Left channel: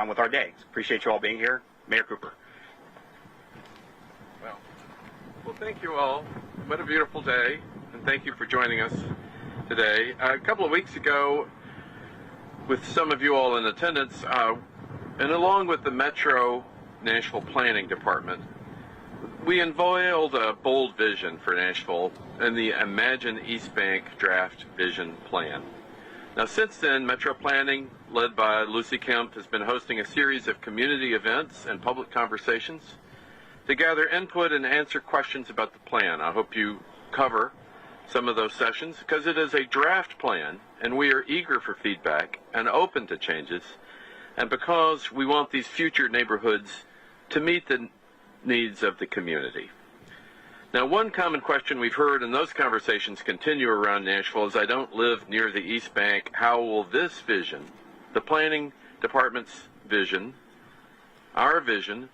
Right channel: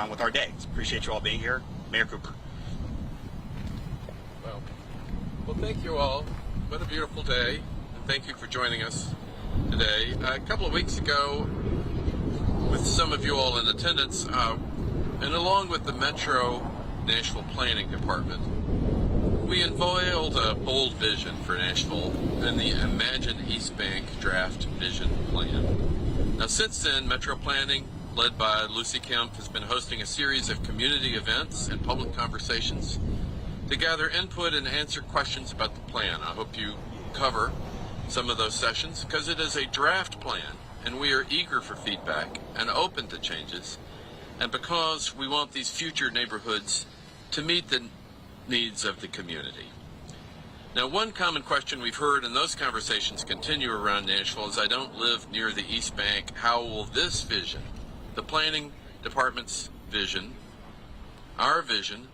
on with our day. Appreciate you all being here. Mayor Cooper. Well, thank you all. What a beautiful day, and thank you for joining us today. A couple of weeks ago, with some of you all in attendance, and along with the Metro Nashville Planning Department, we unveiled a bold vision for Nashville in the Imagine East Bank Draft Vision Plan. Now, since then, Metro Planning, led by Lucy Kemp, has been hosting a series of community events and public conversations to gather input and answer questions about the plan. I hope you cover some of those sessions because it is a draft plan and we are eager for feedback and open to changes, and because we want these future neighborhoods to meet the needs of the community. Now, one common question we've heard, and those conversations continue around Nashville, is I don't live near the East Bank. How will this vision, the planning department's vision, our vision,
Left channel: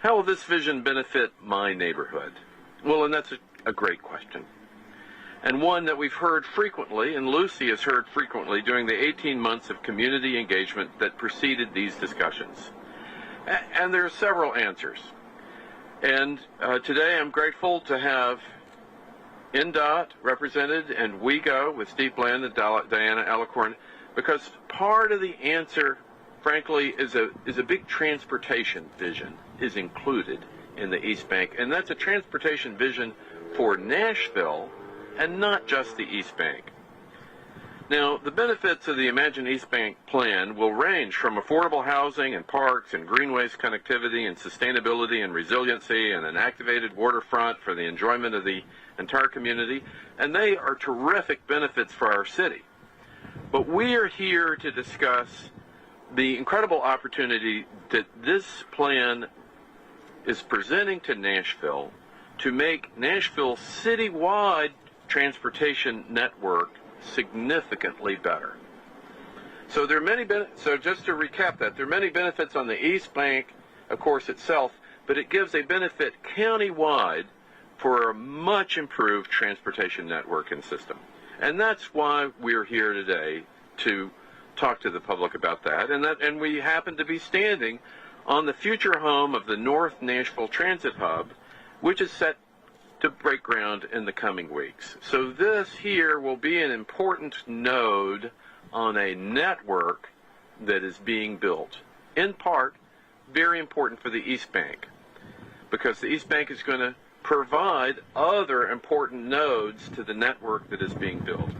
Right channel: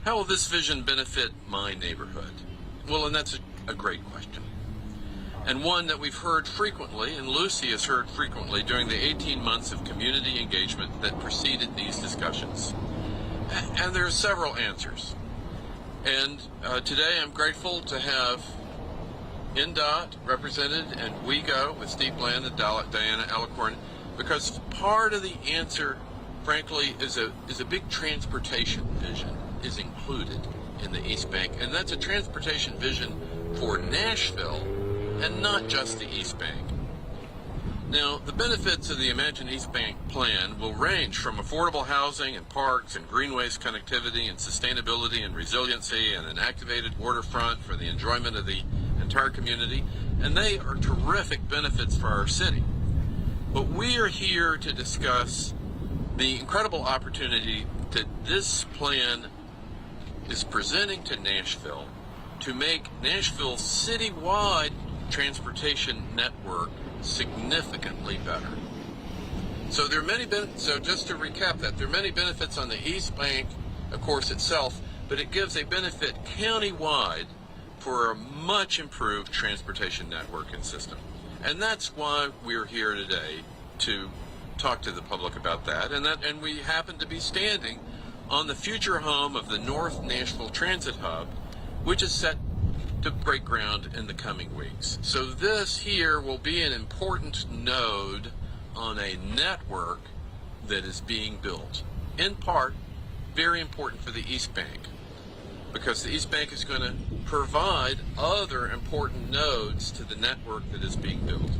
how will this vision benefit my neighborhood? Well, and that's a great question. And one that we've heard frequently, and Lucy has heard frequently during the 18 months of community engagement that preceded these discussions. And there are several answers. And today I'm grateful to have NDOT represented and WeGo with Steve Bland and Diana Alicorn, because part of the answer, frankly, is a big transportation vision is included in the East Bank, and that's a transportation vision for Nashville and not just the East Bank. Now, the benefits of the Imagine East Bank plan will range from affordable housing and parks and greenways connectivity and sustainability and resiliency and an activated waterfront for the enjoyment of the entire community, and they are terrific benefits for our city. But we are here to discuss the incredible opportunity that this plan is presenting to Nashville to make Nashville's citywide transportation network significantly better. So there are many so just to recap that, there are many benefits on the East Bank, of course, itself, but it gives a benefit countywide for a much improved transportation network and system. And that's why we're here today, to talk to the public about that. And we happen to be standing on the future home of the North Nashville Transit Hub, which is set to break ground in the coming weeks. So this here will be an important node on a network that is being built, in part very important for the East Bank, because the East Bank is going to provide other important nodes to the network that is being built.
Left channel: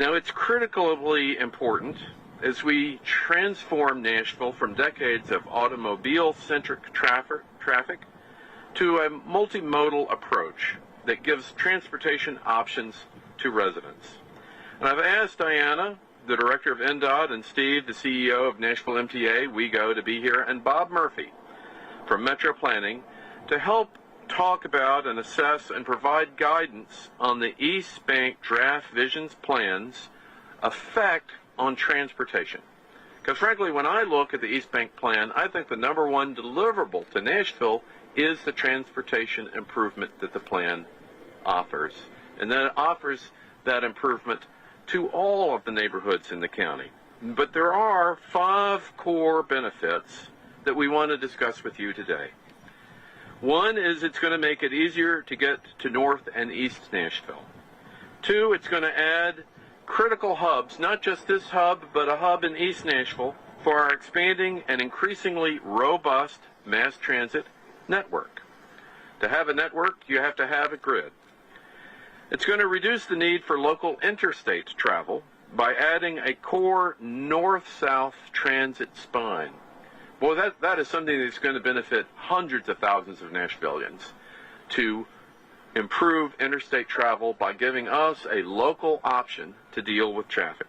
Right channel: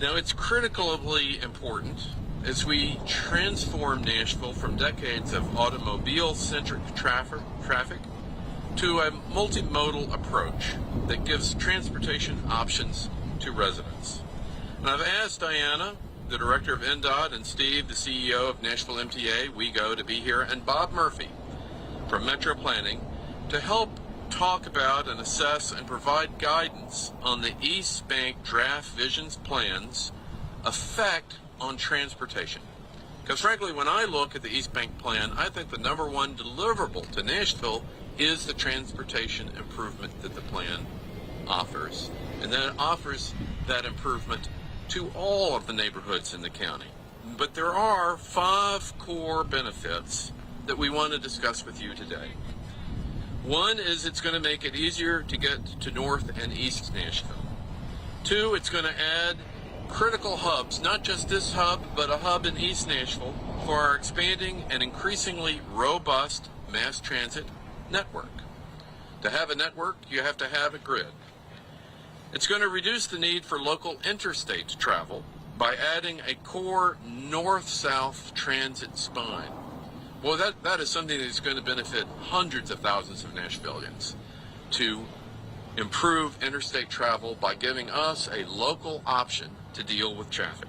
Now, it's critically important as we transform Nashville from decades of automobile-centric traffic to a multimodal approach that gives transportation options to residents. And I've asked Diana, the director of NDOT, and Steve, the CEO of Nashville MTA, WeGo, to be here, and Bob Murphy from Metro Planning to help talk about and assess and provide guidance on the East Bank Draft Visions Plan's effect on transportation. Because frankly, when I look at the East Bank plan, I think the number one deliverable to Nashville is the transportation improvement that the plan offers. And then it offers that improvement to all of the neighborhoods in the county. But there are 5 core benefits that we want to discuss with you today. One is it's going to make it easier to get to North and East Nashville. 2, it's going to add critical hubs, not just this hub, but a hub in East Nashville for our expanding and increasingly robust mass transit network. To have a network, you have to have a grid. It's going to reduce the need for local interstate travel by adding a core north-south transit spine. Boy, that is something that's going to benefit hundreds of thousands of Nashvillians, to improve interstate travel by giving us a local option to deal with traffic.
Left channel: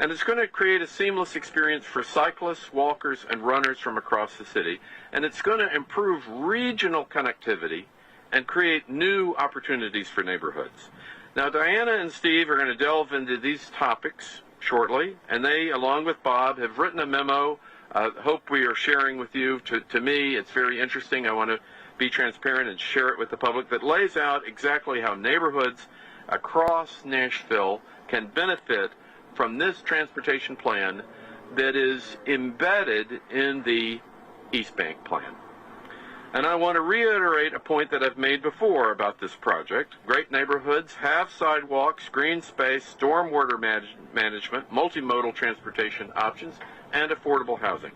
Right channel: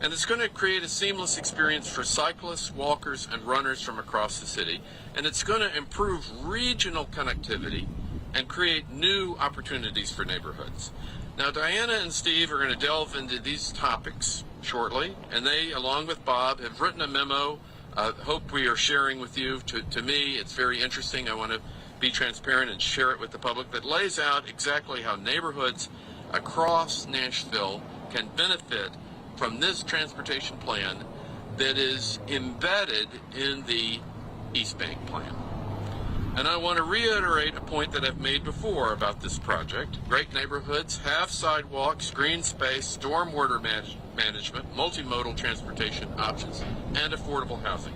And it's going to create a seamless experience for cyclists, walkers, and runners from across the city. And it's going to improve regional connectivity and create new opportunities for neighborhoods. Now, Diana and Steve are going to delve into these topics shortly, and they, along with Bob, have written a memo. Hope we are sharing with you. To me, it's very interesting. I want to be transparent and share it with the public, that lays out exactly how neighborhoods across Nashville can benefit from this transportation plan that is embedded in the East Bank plan. And I want to reiterate a point that I've made before about this project. Great neighborhoods have sidewalks, green space, stormwater management, multimodal transportation options, and affordable housing.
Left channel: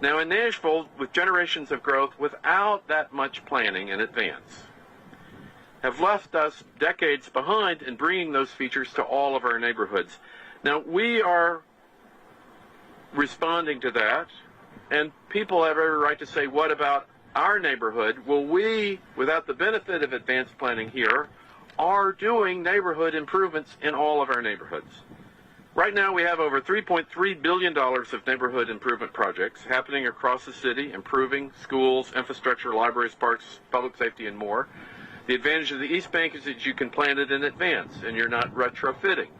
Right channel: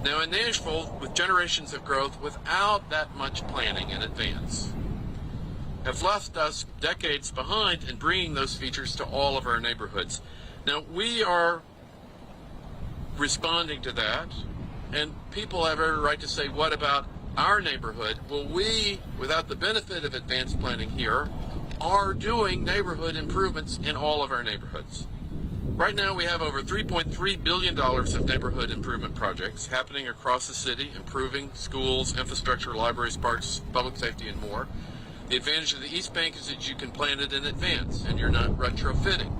Now in Nashville, with generations of growth without that much planning in advance, have left us decades behind in bringing those features to all of our neighborhoods. Now we are responding to that, and people have every right to say, what about our neighborhood? Well, we, without the benefit of advanced planning here, are doing neighborhood improvements in all of our neighborhoods. Right now we have over $3.3 billion of neighborhood improvement projects happening across the city, improving schools, infrastructure, libraries, parks, public safety, and more. The advantage of the East Bank is that you can plan it in advance and you're not retrofitting.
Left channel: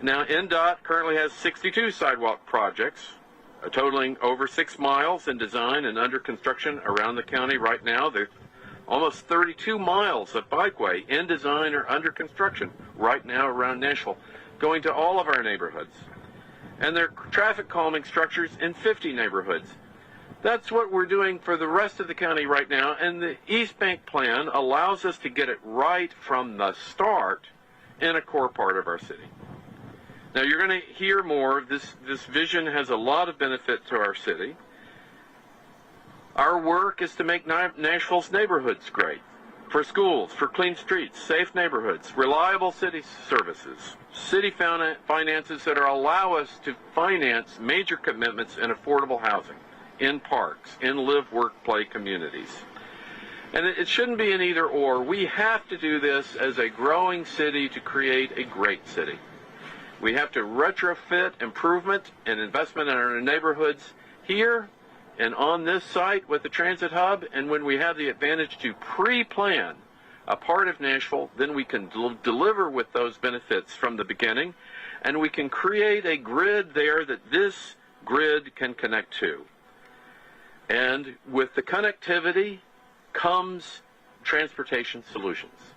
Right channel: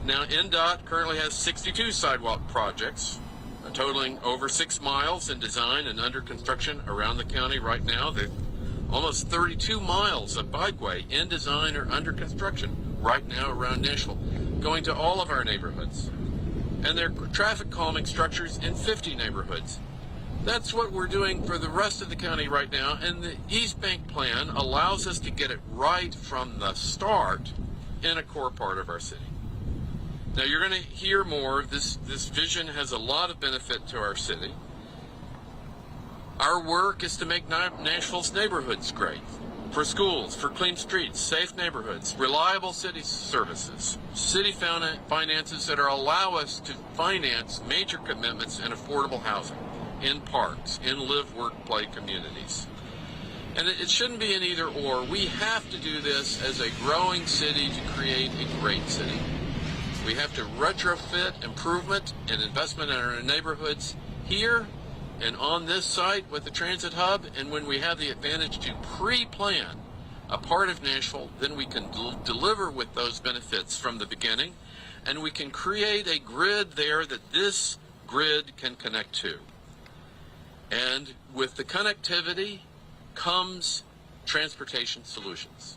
Now, NDOT currently has 62 sidewalk projects, totaling over 6 miles in design and under construction around the county right now. There's almost 32 miles of bikeway in design or under construction right now around Nashville, going to all of our neighborhoods. And there are traffic calming structures in 50 neighborhoods. That's what we're doing for the rest of the county right now, and the East Bank plan allows us to get it right from the start in a core part of our city. Now you're going to hear more. This vision has a lot of benefit to our city. Our work is to make Nashville's neighborhoods great. For schools, for clean streets, safe neighborhoods, reliable city services, city finances that allow us to finance major commitments in affordable housing, in parks, in live, work, play communities. And it shouldn't be an either or. We have to do this as a growing city to create a great city. We have to retrofit improvement and investment in our neighborhoods here and on this site with the transit hub. And when we have the advantage to pre-plan a part of Nashville, then we can deliver with those benefits from the beginning. And we can create a grid there that this grid can connect to. And with the connectivity comes transportation solutions.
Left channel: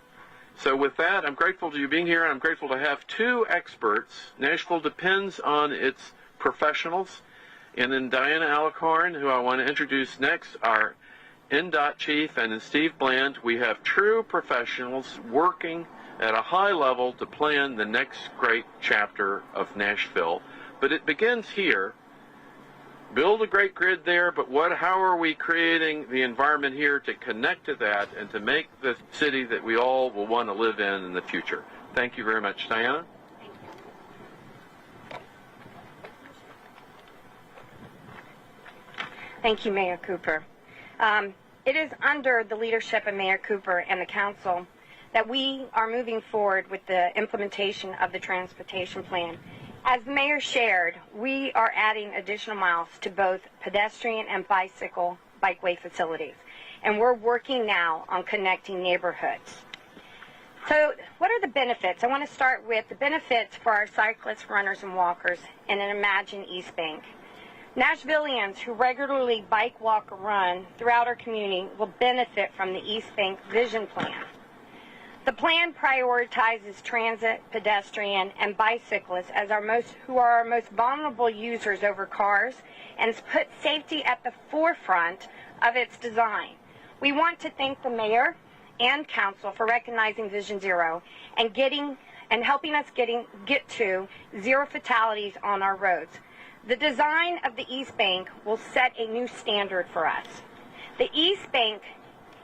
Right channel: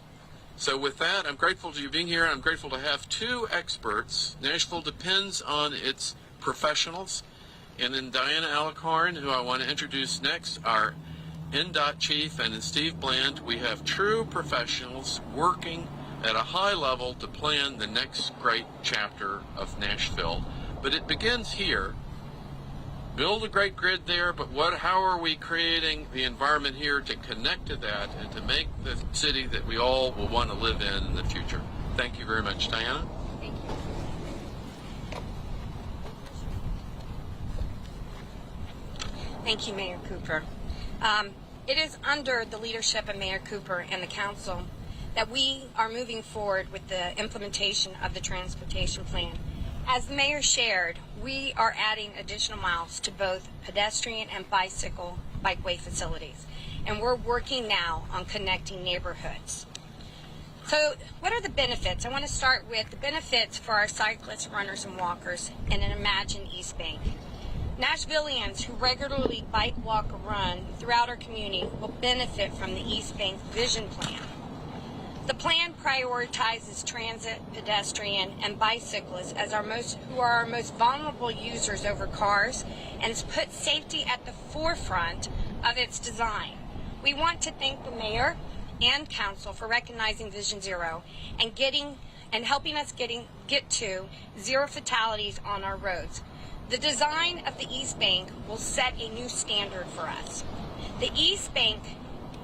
So with that, I'm grateful to you being here. I'm grateful to have 2 experts. Nashville depends on its professionals. And then Diana Alicorn, who I want to introduce next, our NDOT chief, and then Steve Bland. We have true professionals working at a high level to plan the next great chapter of Nashville. But it begins here. Build a great grid there, but how are we creating the environment here to connect to that and to make the city that we all will want to live in the future? Thank you very much. Diana? Thank you. Thank you, Mayor Cooper. It is under the leadership of Mayor Cooper and the council that we are moving forward with the implementation of the transportation plan. As the mayor shared, we are adding additional miles to both pedestrian and bikeway facilities, and we're working now on connecting neighborhoods. So what are the benefits? I want to start with the benefits for our cyclists, runners, and walkers in an Imagine East Bank. Nashvillians who regularly bike, walk, or run throughout our community will benefit from the East Bank Vision Plan. The plan prioritizes transit, pedestrian, and bicyclists as who are our most vulnerable users over cars, and puts safety at the forefront of its design. We want to thank the mayor and council for recognizing Vision Zero and helping us get to zero fatalities on our roads. The design of the East Bank will set a new standard for us. The East Bank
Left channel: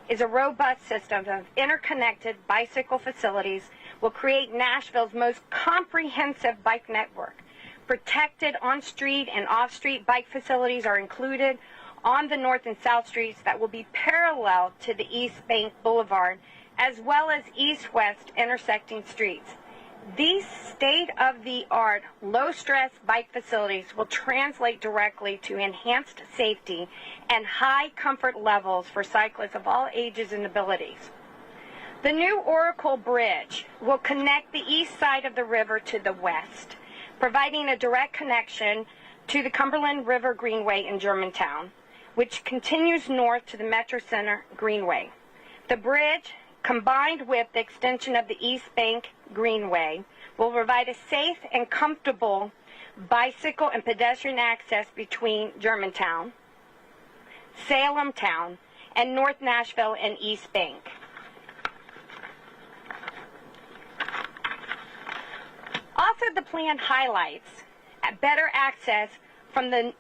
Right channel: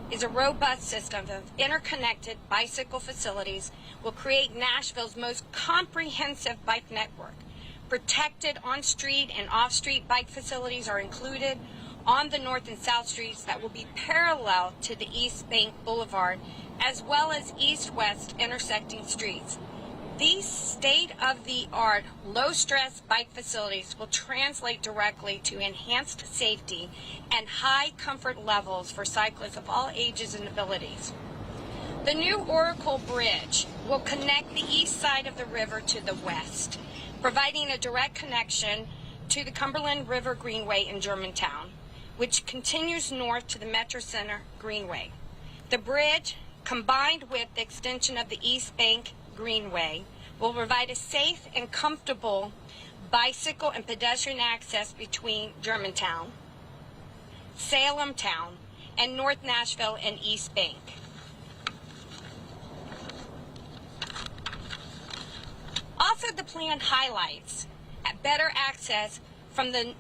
is a robust system of interconnected bicycle facilities will create Nashville's most comprehensive bike network. Protected on-street and off-street bike facilities are included on the north and south streets that will be parallel to the East Bank Boulevard, as well as east-west intersecting streets. These state-of-the-art, low-stress bike facilities will translate directly to enhanced safety and high comfort levels for cyclists of all ages and abilities. The new Oracle Bridge will connect the east side of the river to the west, providing a direct connection to the Cumberland River Greenway in Germantown, which continues north to the Metro Center Greenway. The bridge, combined with the extension of the East Bank Greenway, will provide a safe and comfortable bicycle and pedestrian access between Germantown, Salem Town, and North Nashville and East Bank. Also, the plan highlights better access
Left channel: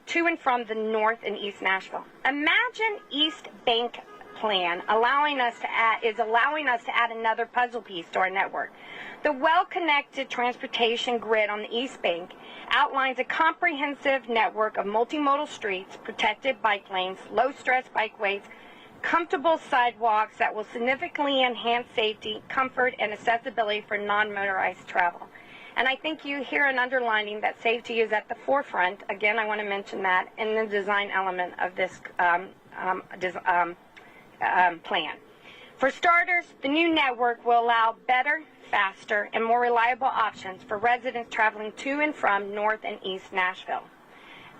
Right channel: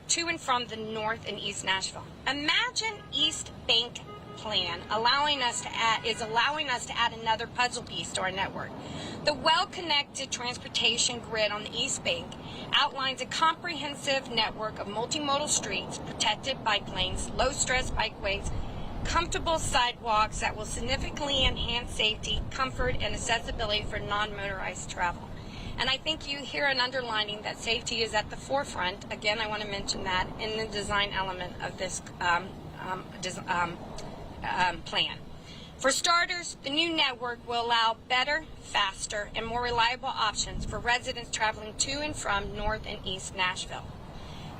to and from the North and East Nashville. Imagine East Bank plan allowing us to add another puzzle piece to our network. The well-connected transportation grid on the East Bank outlines a comprehensive network of multimodal streets, protected bike lanes, low-stress bikeways, comfortable sidewalks that will significantly enhance safety, comfort, and accessibility for non-motorized travel. And I think you hear an underlining that safety is at the forefront. Again, I want to mention that in the design element of this plan. For starters, the new network will allow better, faster, and more reliable options for residents traveling to and from North and East Nashville.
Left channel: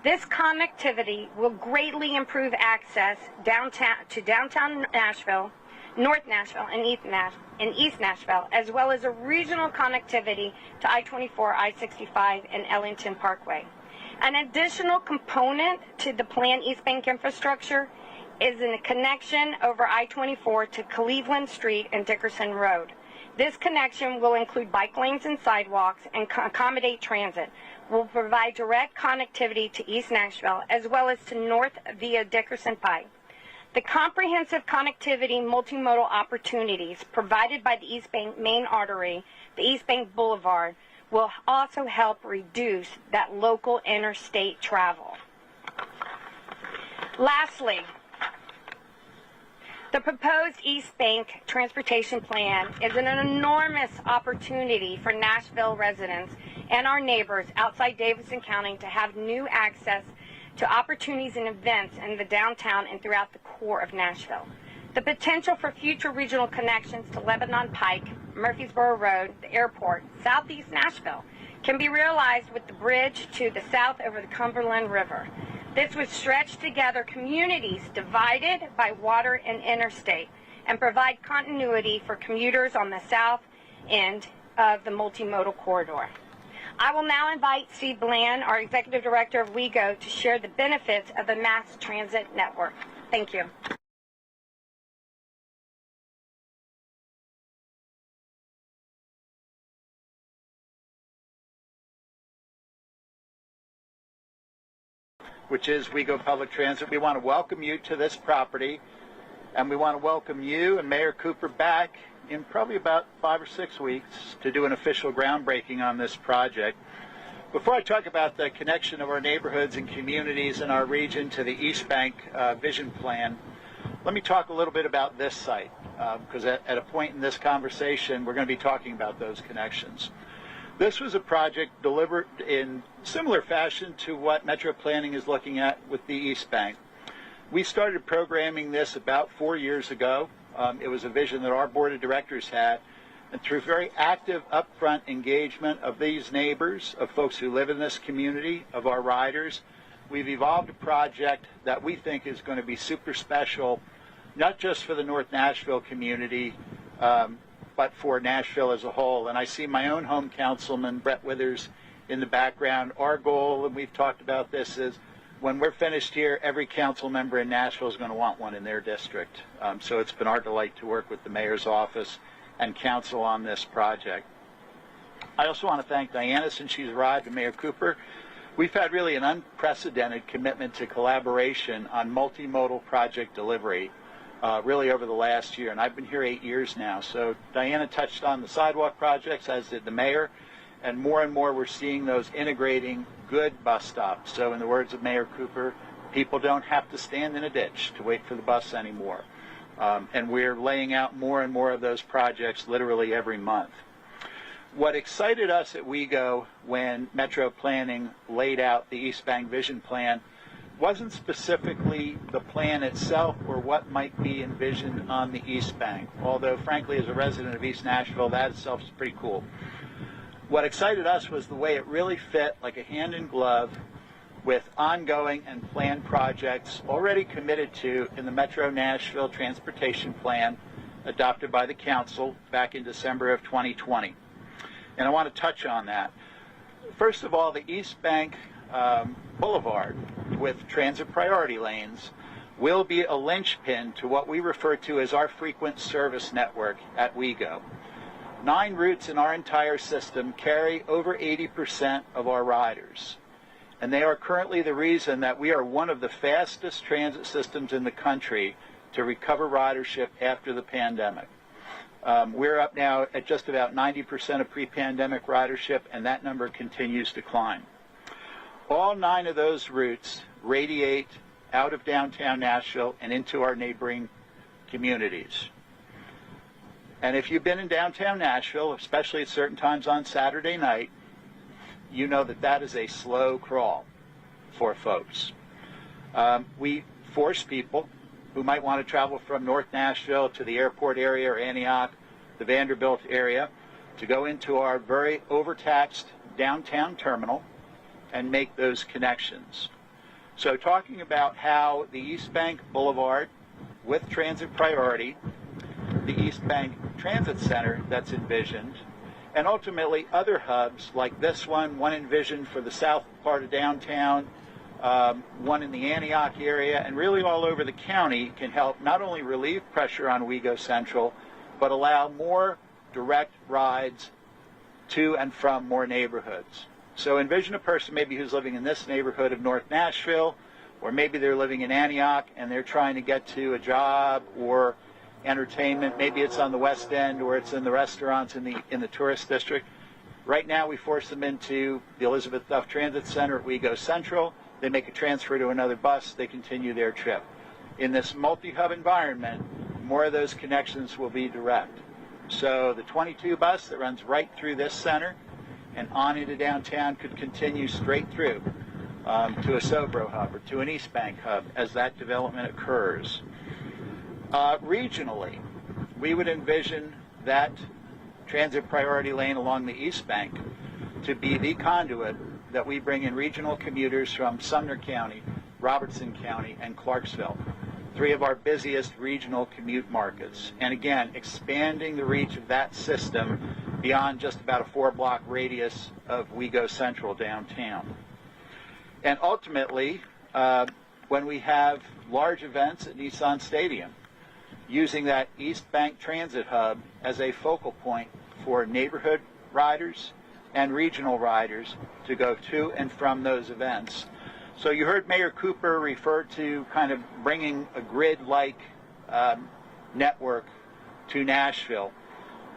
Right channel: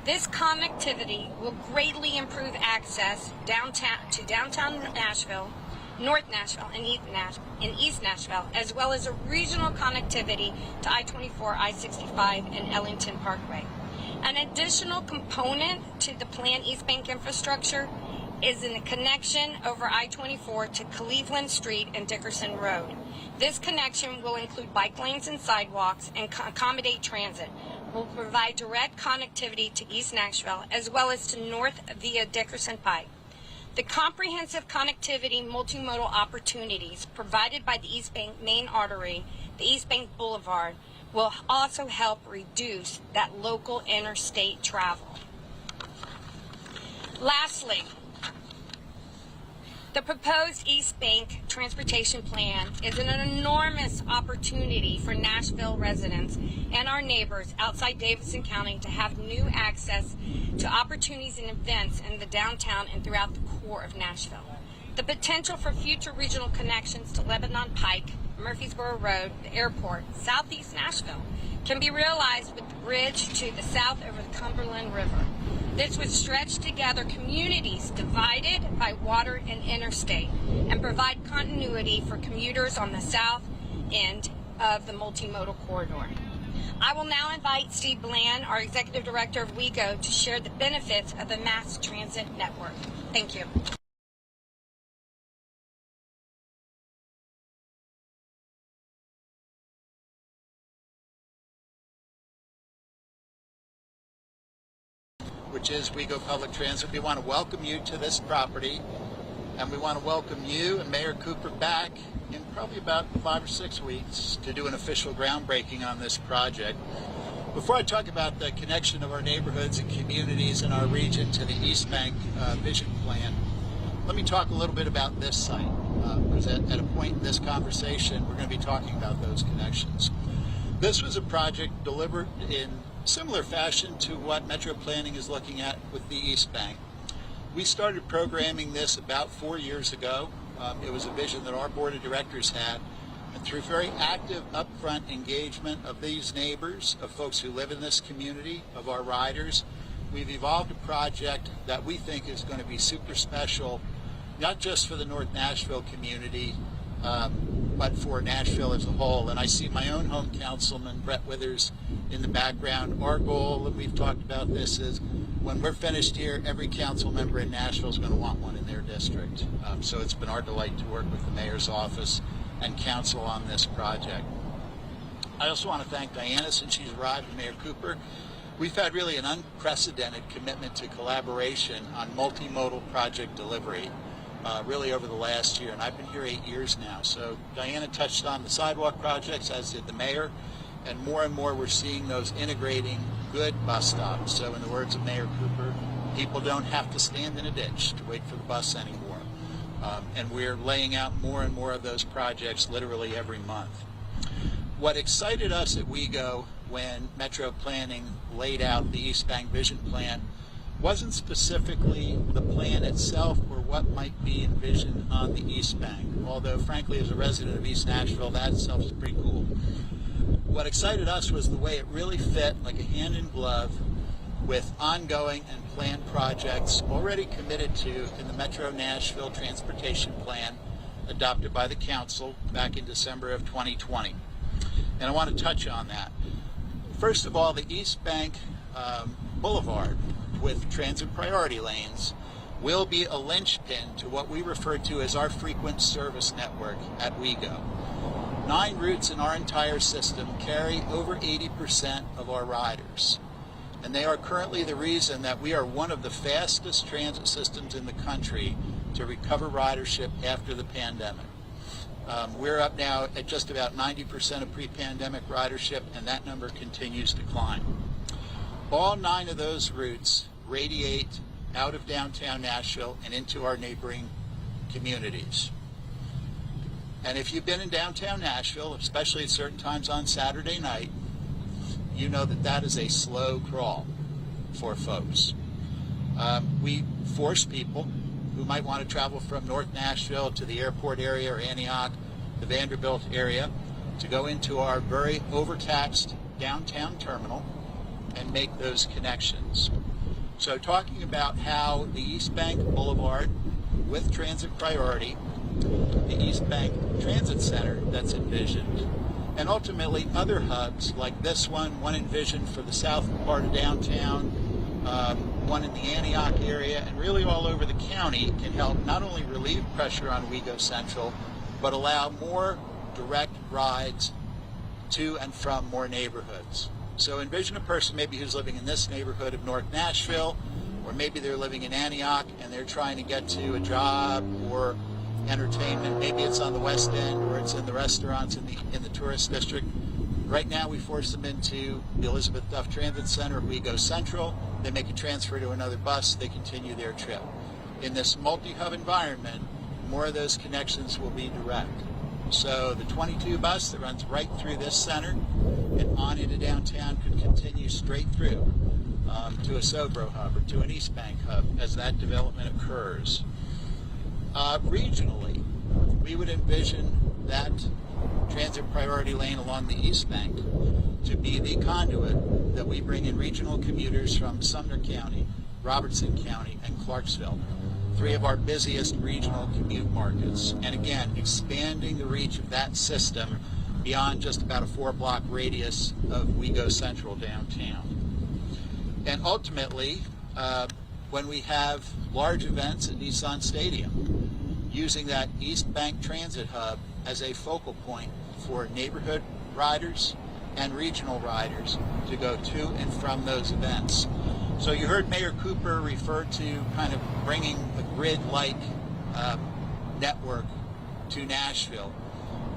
This connectivity will greatly improve access to downtown Nashville, North Nashville, and East Nashville, as well as a regional connectivity to I-24, I-65, and Ellington Parkway. An additional component to the planned East Bank infrastructure is a connection over I-24 to Cleveland Street and Dickerson Road. This connection will include bike lanes and sidewalks and accommodate transit. Will provide direct connectivity to East Nashville as well as to North via Dickerson Pike. The comprehensive connectivity multimodal opportunities provided by the East Bank main artery, the East Bank Boulevard, will also help reduce that local interstate travel. Lastly, the proposed East Bank transportation plan is an enormous opportunity for Nashville residents and our neighbors outside Davidson County to have new access to opportunities and events in the downtown and throughout the core of Nashville. The potential for future regional connections to Lebanon Pike, Murfreesboro Road, the airport, Southeast Nashville, can be realized with the bridge to the south over the Cumberland River. This would stretch together communities divided by water and interstate and provide continuity for commuters on the south end of the multimodal corridor. I will now invite Steve Bland, our Executive Director of WeGo, to share the benefits of a mass transit network. Thank you. Which is WeGo Public Transit. We want to welcome you to this property, and we want to welcome you and Mayor Cooper back in probably about 5 or 6 weeks to do an official groundbreaking on this project. Before I talk about the connection of our neighborhoods and communities in our region to the East Bank Vision Plan, let me talk a little bit about this site, because at a point in this conversation, we're going to be talking about those connections. This was a project delivered in similar fashion to what Metro Planning is looking at with the East Bank. We started programming this about 4 years ago. It was a vision that our board of directors had, and through very active upfront engagement of these neighbors, of folks who live in this community, of our riders, we've evolved a project that we think is going to be super special, not just for the North Nashville community, but for Nashville as a whole. And I see my own home councilman, Brett Withers, in the background. Our goal, and we've talked about this, is when we're finished here, every council member in Nashville is going to want one in their district. So it's been our delight to work with the mayor's office and council on this project. I also want to thank Diana since she's arrived, and Mayor Cooper. We've had really an unprecedented commitment to collaboration on multimodal project delivery really over the last year, and I've been here 8 years now. So Diana touched on the sidewalk projects, as did the mayor, and more we're seeing those integrating good bus stops. So in the words of Mayor Cooper, people don't have to stand in a ditch to wait for the bus anymore. And we're laying out more and more of those projects literally every month. What excited us at WeGo when Metro Planning laid out the East Bank Vision Plan wasn't specifically the plan itself or what might be envisioned on the East Bank, although frankly as a resident of East Nashville, that itself is pretty cool. What excited us was the way it really fit like a hand in glove with ongoing and planned projects already committed to in the Metro Nashville Transportation Plan adopted by the council back in December of 2020. And I want to touch on that. First of all, the East Bank Boulevard with transit priority lanes will be a linchpin to what we refer to as our frequent service network at WeGo. 9 routes in our entire system carry over 80% of our riders. And they are currently the reason that we are one of the fastest transit systems in the country to recover ridership after the pandemic. We're up now at just about 90% of pre-pandemic ridership, and that number continues to climb. All 9 of those routes radiate out of downtown Nashville and into our neighboring communities. And if you've been in downtown Nashville, especially at certain times on Saturday night, you know that that is a slow crawl for folks. We force people who might want to travel from North Nashville to the airport area or Antioch, the Vanderbilt area, to go into our very overtaxed downtown terminal and make those connections. So talking about how the East Bank Boulevard with transit priority, the East Bank Transit Center that's envisioned, and ultimately other hubs like this one envisioned for the south part of downtown, one in the Antioch area, and really all over the county, can help not only relieve pressure on WeGo Central, but allow more direct rides to and from more neighborhoods. So envision a person maybe who's living in this neighborhood of North Nashville, or maybe they're living in Antioch and they're trying to get to a job or entertainment. Maybe it's on the West End or it's in the restaurants in the tourist district. Right now we force them into the Elizabeth Duff Transit Center at WeGo Central. They make a transfer to another bus, they continue their trip. In this multi-hub environment, more of those connections will be direct. So the 22 bus that runs right through this center and on into downtown could continue straight through to a Sobro hub or to an East Bank hub as that development occurs. Regionally, we would envision that transit priority lane along the East Bank to be the conduit that we bring in regional commuters from Sumner County, Robertson County, and Clarksville, 3 of our busiest regional commute markets. And again, expanding the reach of that system beyond just about a 4-block radius of WeGo Central downtown. And ultimately, when we have large events at Nissan Stadium, using that East Bank Transit Hub as a focal point for neighborhood riders and regional riders to go to and from those events. So you heard Mayor Cooper refer to kind of bringing a grid-like network to Nashville.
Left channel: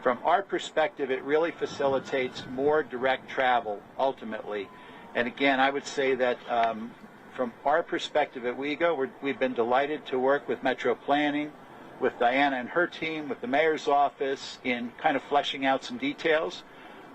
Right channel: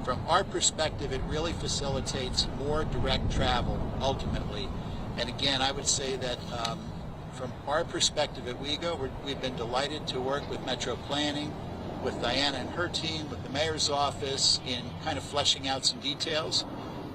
From our perspective, it really facilitates more direct travel ultimately. And again, I would say that from our perspective at WeGo, we've been delighted to work with Metro Planning, with Diana and her team, with the mayor's office in kind of fleshing out some details,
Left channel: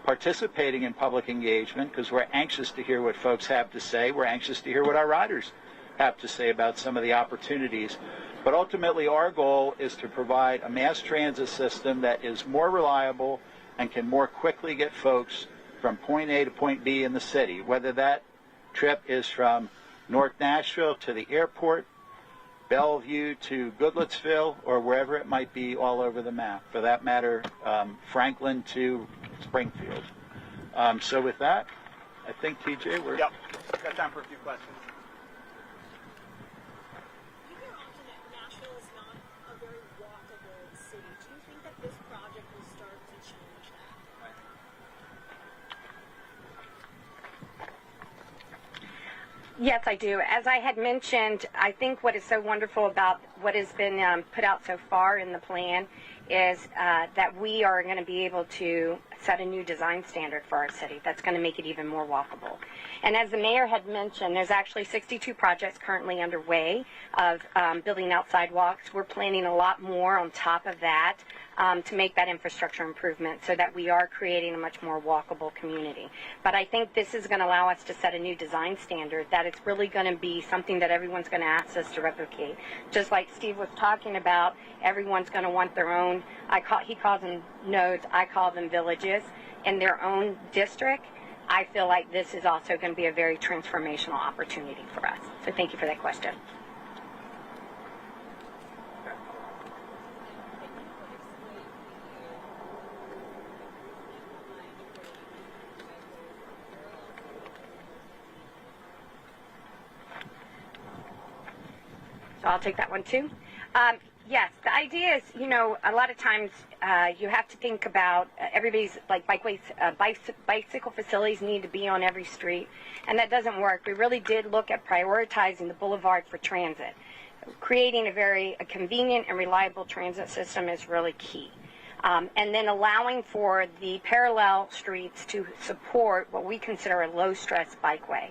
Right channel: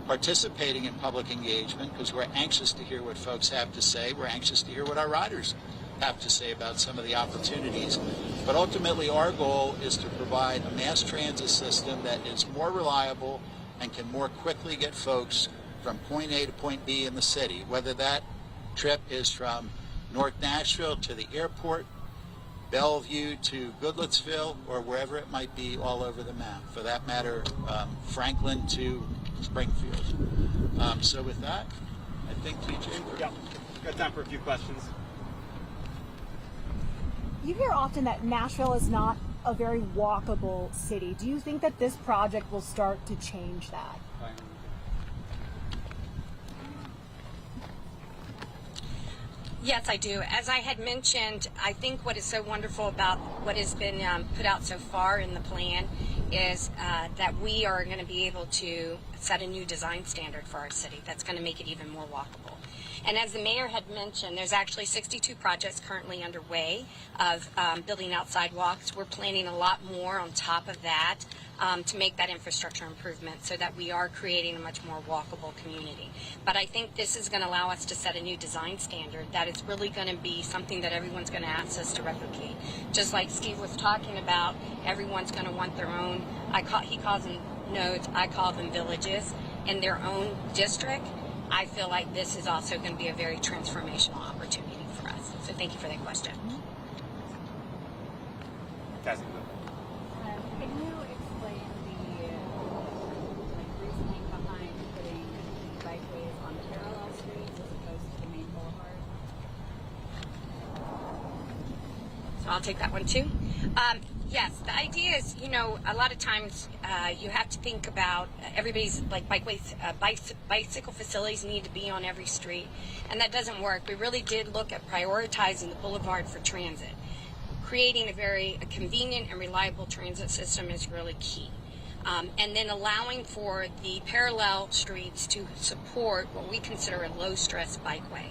participating in public engagement because we're anxious to hear what folks have to say. We're anxious to hear what our riders have to say about some of the opportunities. But ultimately, our goal is to provide a mass transit system that is more reliable and can more quickly get folks from point A to point B in the city, whether that trip is from North Nashville to the airport, Bellevue to Goodlettsville, or wherever it might be all over the map. For that matter, Franklin to Springfield. So with that, I think, TJ, we're... Yep. Got time for a few questions. You hear often that Nashville is not a very walkable city. Do you think that this project will start to change that? Yes, I do. As I had mentioned, I think what is so wonderful about what has been put out so far in the plan is that we are going to be able to set a new design standard for our city that's going to make it even more walkable. And as the mayor had mentioned, there's actually 62 projects currently underway of building out sidewalks. We're planning a lot more on top of that to make that infrastructure improvement so that we are creating a much more walkable community. But I think this is going to allow us to set a new design standard that is really going to be something that everyone's going to ask us to replicate. Just like Steve was talking about, everyone's going to want their own, he calls them nodes, I call them villages, in their own district. I feel like this is also going to be a very transformational opportunity for us. So thank you for that question. Desmond. Can you explain the reasoning behind putting bikeways on parallel so I'll take that one too. Yes, the idea is, you know, a lot of times you have to think about everybody's like bikeways, bicycle facilities need to be on every street, and that doesn't work. We really did look at prioritizing the boulevard for transit. Creating a very convenient and reliable transit system is really key. And then allowing for the parallel streets to support what we consider a low-stress bikeway.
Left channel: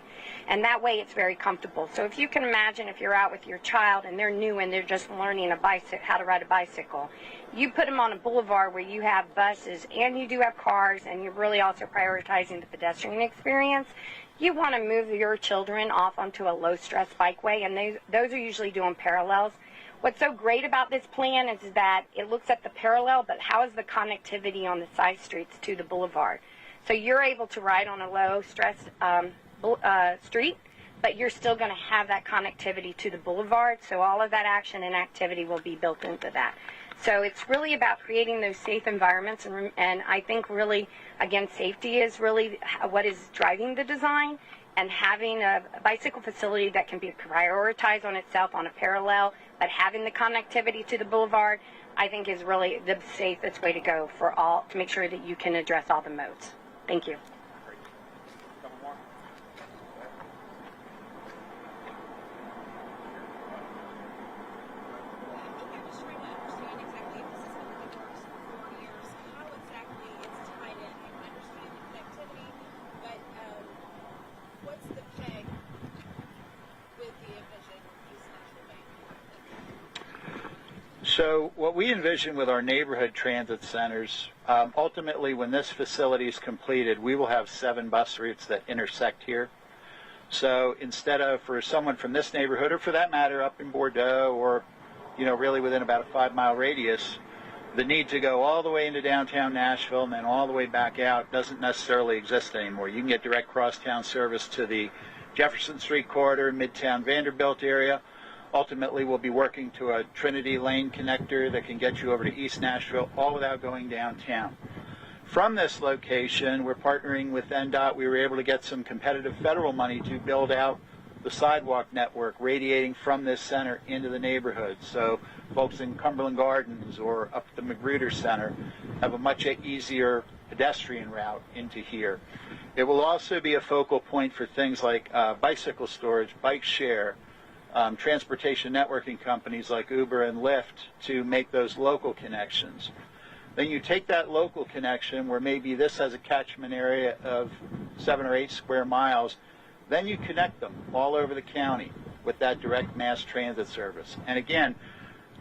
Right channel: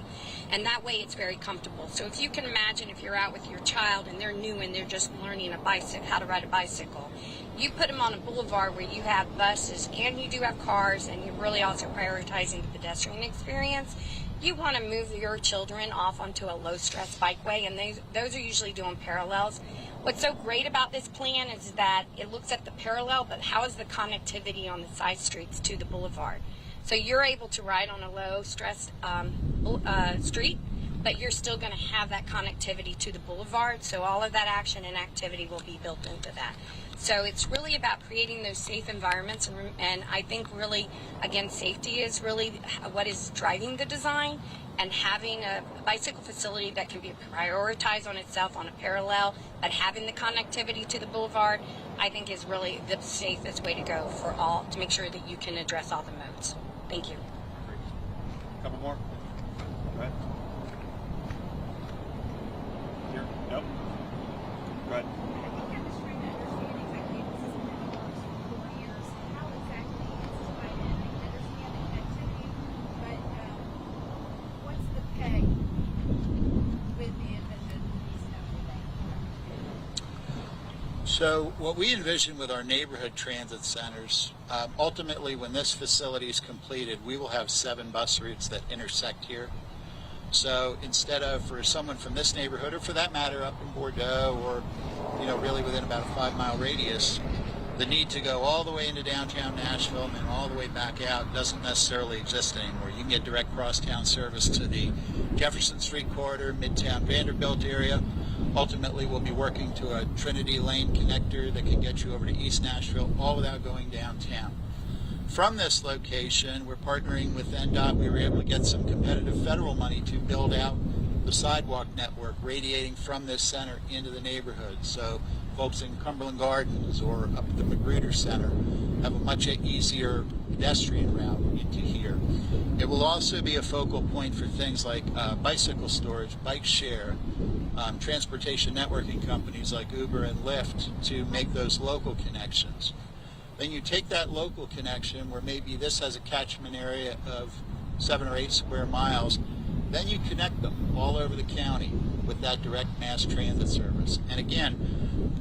And that way it's very comfortable. So if you can imagine if you're out with your child and they're new and they're just learning how to ride a bicycle, you put them on a boulevard where you have buses and you do have cars and you're really also prioritizing the pedestrian experience. You want to move your children off onto a low-stress bikeway, and those are usually doing parallels. What's so great about this plan is that it looks at the parallel, but how is the connectivity on the side streets to the boulevard? So you're able to ride on a low-stress street, but you're still going to have that connectivity to the boulevard, so all of that action and activity will be built into that. So it's really about creating those safe environments, and I think really, again, safety is really what is driving the design, and having a bicycle facility that can be prioritized on itself on a parallel, but having the connectivity to the boulevard, I think is really the safest way to go for all, to make sure that you can address all the modes. Thank you. Couple more. Go ahead. Here. Nope. Go ahead. I'm just trying to understand exactly if this is going to be works for 4 years, how exactly it's tied in. I can understand the connectivity, but what's the peg with the envisioned East Nashville Lane? So what we envision with our neighborhood transit centers, ultimately when this facility is completed, we will have 7 bus routes that intersect here. So instead of, for someone from this neighborhood, or for that matter up in Bordeaux, or really within about a 5-mile radius, the need to go all the way into downtown Nashville and then all the way back out doesn't necessarily exist anymore. You can get direct crosstown service to the Jefferson Street corridor, Midtown Vanderbilt area. Ultimately, we'll be working to a Trinity Lane connector that can get you over to East Nashville, all without going downtown. From this location, we're partnering with NDOT. We were able to get some competitive federal money to build out the sidewalk network radiating from this center into the neighborhood. So folks in Cumberland Gardens or up at the Magruder Center have a much easier pedestrian route into here. It will also be a focal point for things like bicycle storage, bike share, transportation networking companies like Uber and Lyft to make those local connections. Then you take that local connection where maybe this has a catchment area of 7 or 8 square miles, then you connect them all over the county with that direct mass transit service. And again,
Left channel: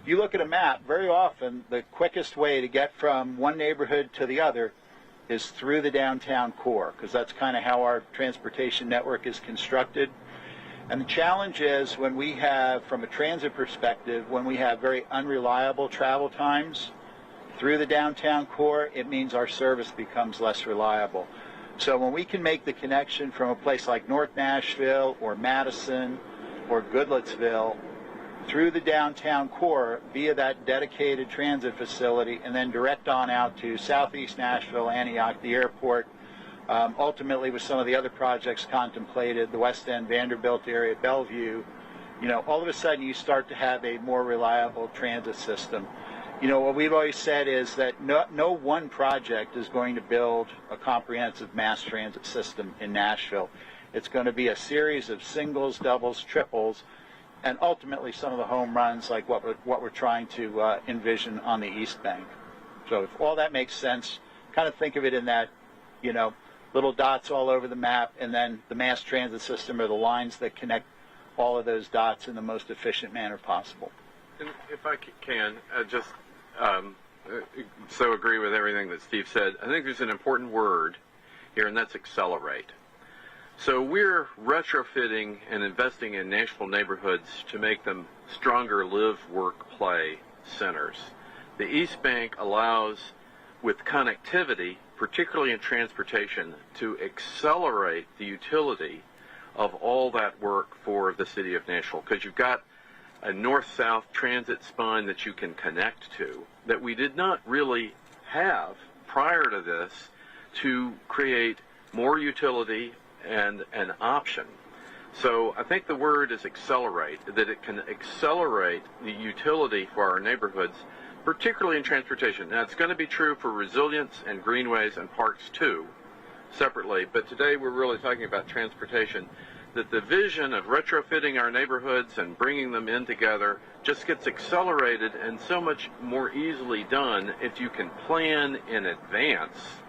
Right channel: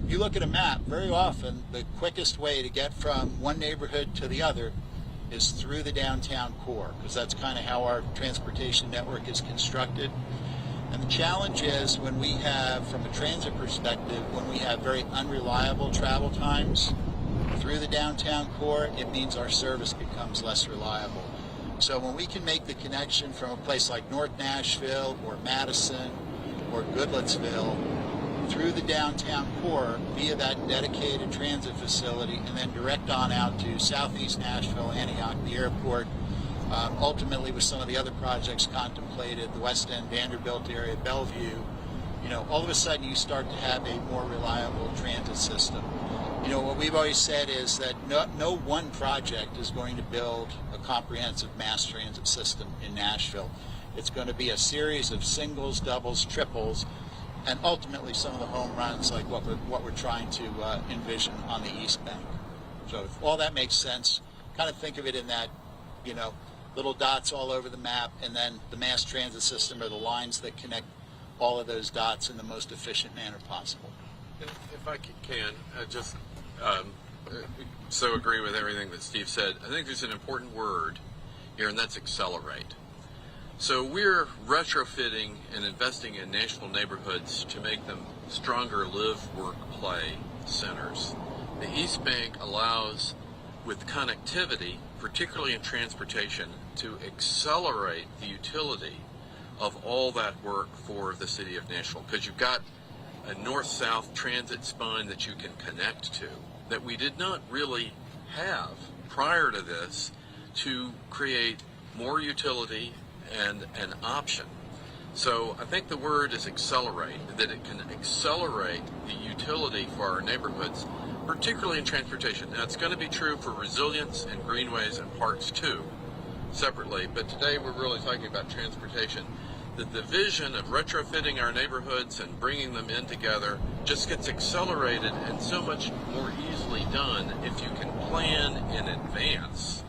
you look at a map, very often the quickest way to get from one neighborhood to the other is through the downtown core, because that's kind of how our transportation network is constructed. And the challenge is when we have, from a transit perspective, when we have very unreliable travel times through the downtown core, it means our service becomes less reliable. So when we can make the connection from a place like North Nashville or Madison or Goodlettsville through the downtown core via that dedicated transit facility and then direct on out to Southeast Nashville, Antioch, the airport, ultimately with some of the other projects contemplated, the West End, Vanderbilt area, Bellevue, all of a sudden you start to have a more reliable transit system. What we've always said is that no one project is going to build a comprehensive mass transit system in Nashville. It's going to be a series of singles, doubles, triples, and ultimately some of the home runs like what we're trying to envision on the East Bank. So if all that makes sense, kind of think of it in that, little dots all over the map, and then the mass transit system are the lines that connect all of those dots in the most efficient manner possible. And if I can, so agree with everything that Steve said. I think there's an important word here, and that's accelerate. So we're retrofitting and investing in Nashville neighborhoods to make them stronger live, work, play centers. The East Bank allows, with connectivity, particularly in transportation, to accelerate the utility of all that work for the city of Nashville, because you've got a north-south transit spine that you can connect to that we did not really have prior to this to create more utility and an option. So I think the word is accelerate, that it can accelerate the utility for our neighborhoods, particularly in transportation. Now, it's going to be true for resilience and greenways and parks too, separately, but today we're really talking about transportation, that the vision of retrofitting our neighborhoods and bringing them in together just gets accelerated and so much more easily done if you can plan in advance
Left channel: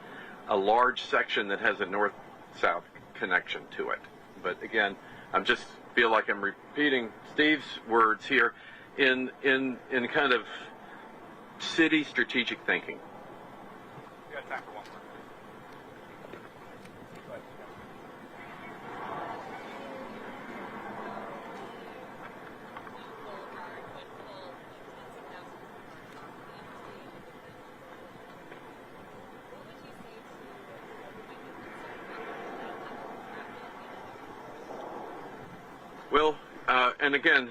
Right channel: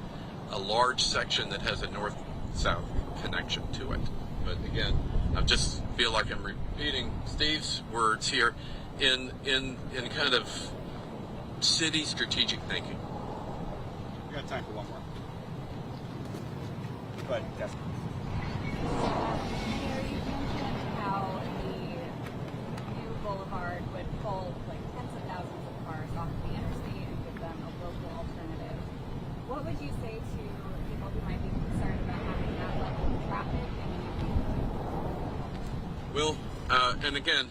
a large section that has a north-south connection to it. But again, I just feel like I'm repeating Steve's words here in kind of city strategic thinking. We got time for one more. Go ahead, Desmond. How the new boulevard would pull like tens of thousands of cars off the interstate and give them a local alternative. What would you say to people who might be concerned about having that level of traffic? Well, and again,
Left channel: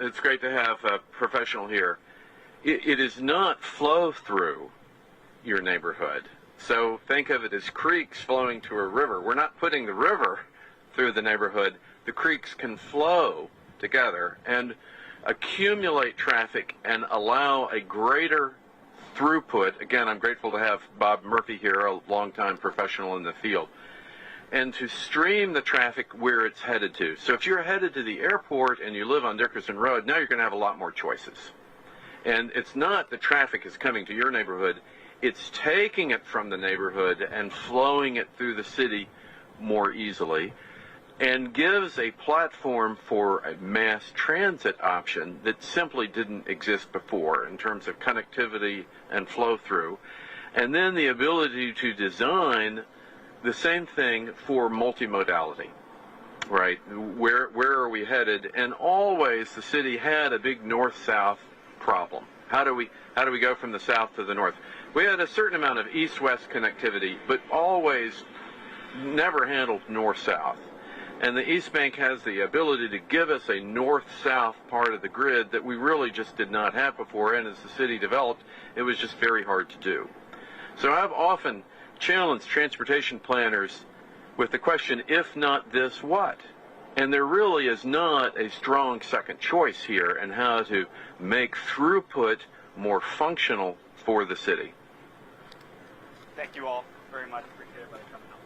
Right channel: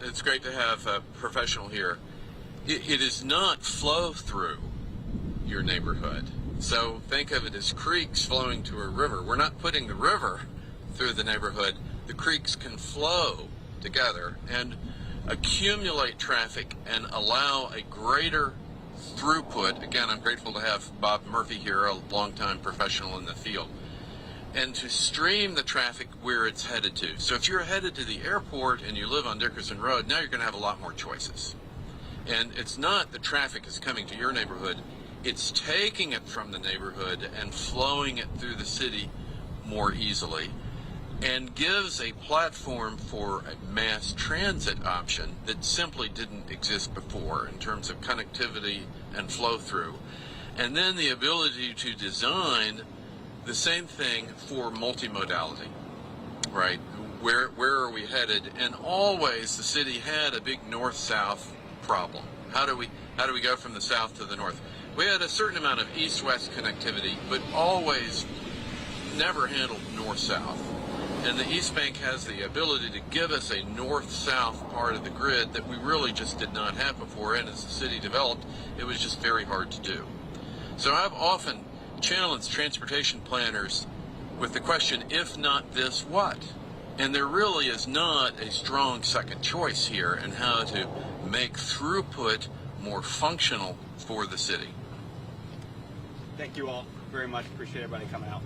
it's great to have a professional here. It is not flow through your neighborhood. So think of it as creeks flowing to a river. We're not putting the river through the neighborhood. The creeks can flow together and accumulate traffic and allow a greater throughput. Again, I'm grateful to have Bob Murphy here, a longtime professional in the field, and to stream the traffic where it's headed to. So if you're headed to the airport and you live on Dickerson Road, now you're going to have a lot more choices. And it's not that traffic is coming to your neighborhood, it's taking it from the neighborhood and flowing it through the city more easily, and gives a platform for a mass transit option that simply didn't exist before in terms of connectivity and flow through. And then the ability to design the same thing for multimodality, right? Where are we headed? And always the city had a big north-south problem. How do we go from the south to the north? We had a certain amount of east-west connectivity, but always never handled north-south. And the East Bank has the ability to give us a north-south part of the grid that we really just did not have before, and as the city developed, it was just very hard to do. So I've often challenged transportation planners with the question, if not this, what? And there really is not a strong second choice here in how to make throughput more functional for the city. Thank you all very much. Appreciate everybody coming out.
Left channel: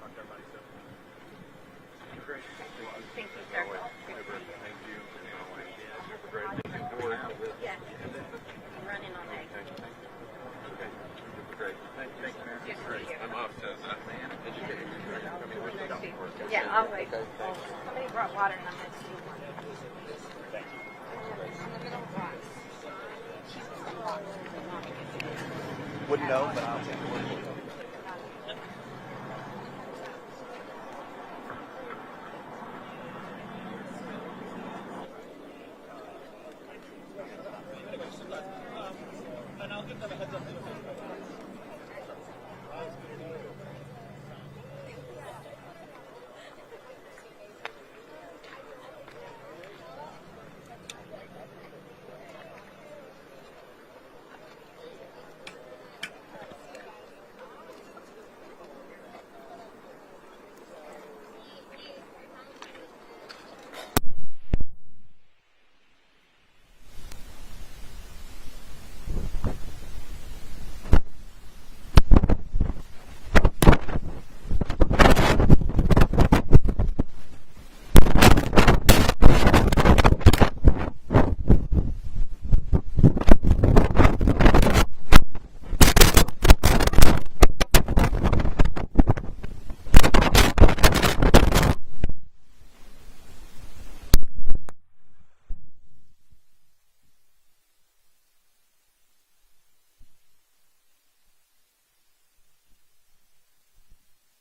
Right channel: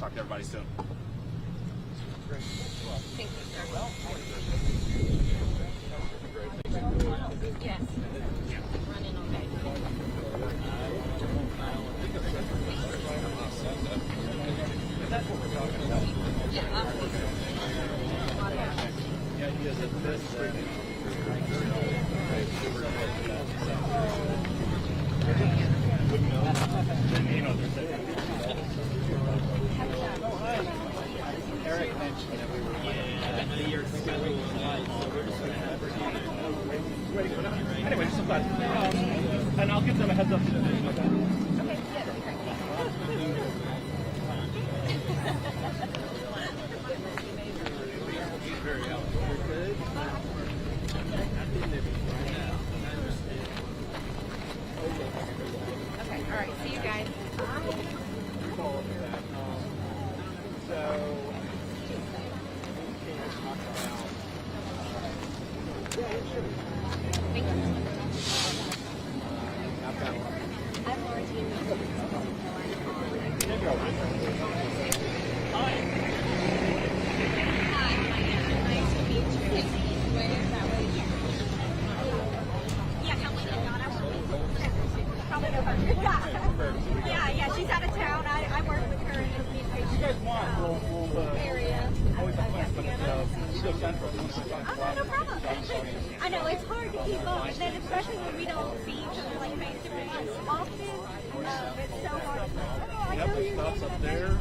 Talk to everybody soon. Thank you, sir. Yes. Running all day. Yeah, I'll wait. Brought water down. Wouldn't know. Eric mentioned that we were the year schedule. Anyway, just sometimes. And I'll give them a heads up. Okay, all right. See you guys. I know it's hard to keep up, and then especially when we don't see each other like face to face often. It's so hard. Yep, there's stuff up there.